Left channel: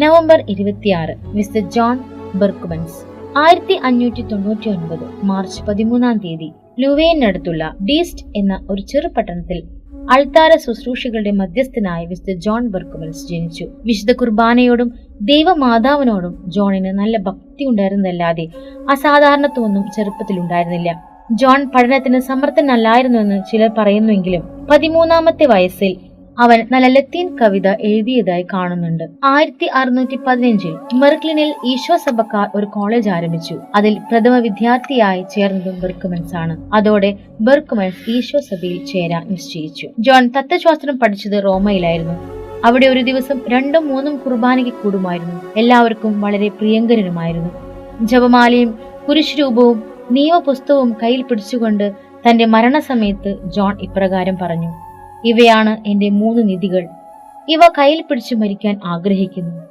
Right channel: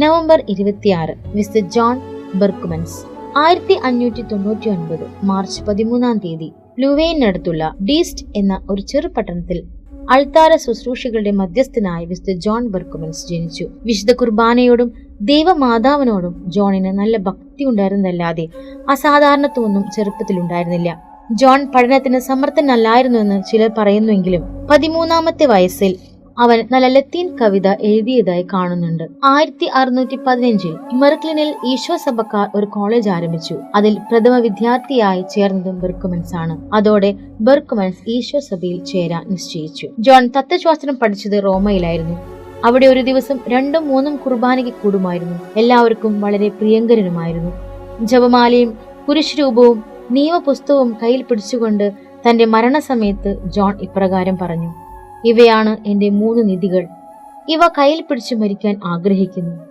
November ഇരുപത്തിയാറ് mister John Berchmans. ആയിരത്തി അഞ്ഞൂറ്റി തൊണ്ണൂറ്റി ഒൻപത് മാർച്ച് പതിമൂന്നാം തീയതി ലുവേനടുത്തുള്ള ഡീസ്റ്റ് എന്ന ഒരു ചെറുപട്ടണത്തിൽ അൾത്താര ശുശ്രൂഷകളുടെ മധ്യസ്ഥനായ വിശുദ്ധ ജോൺ ബെർക്കുമൻസ് ജനിച്ചു. വിശുദ്ധ കുർബാനയോടും ദൈവമാതാവിനോടും ജോണിന് നല്ല ഭക്തി ഉണ്ടായിരുന്നതല്ലാതെ അസാധാരണത്വമൊന്നും ചെറുപ്പത്തിലുണ്ടായിരുന്നില്ല. ജോൺ പഠനത്തിന് സമർത്ഥനല്ലായിരുന്നുവെന്ന് ചിലർ പറയുന്നുവെങ്കിലും പതിമൂന്നാമത്തെ വയസ്സിൽ അവൻ നല്ല ലത്തീൻ കവിത എഴുതിയതായി കാണുന്നുണ്ട്. ആയിരത്തി അറുന്നൂറ്റി പതിനഞ്ചിൽ മെർക്ലിനിൽ ഈശോ സഭക്കാർ ഒരു കോളേജ് ആരംഭിച്ചു. അതിൽ പ്രഥമ വിദ്യാർത്ഥിയായി ചേർന്നതും ബെർക്കുമൻസ് ആണ്. അതോടെ ബെർക്കുമൻസ് ഈശോ സഭയിൽ ചേരാൻ നിശ്ചയിച്ചു. ജോൺ തത്വശാസ്ത്രം പഠിച്ചത് റോമയിലായിരുന്നു. അവിടെ ഒരു ദിവസം രണ്ടും മൂന്നും കുർബാനയ്ക്ക് കൂടുമായിരുന്നു. എല്ലാവർക്കും വളരെ പ്രിയങ്കരനുമായിരുന്നു. ജപമാലയും കുരിശുരൂപവും നിയമപുസ്തകവും കയ്യിൽ പിടിച്ചുകൊണ്ട് തന്റെ മരണസമയത്ത് ജോൺ ഇപ്രകാരം പറഞ്ഞു ഇവയാണ് എന്റെ മൂന്ന് നിധികൾ. ഇവ കയ്യിൽ പിടിച്ചു മരിക്കാൻ ആഗ്രഹിക്കുന്നു.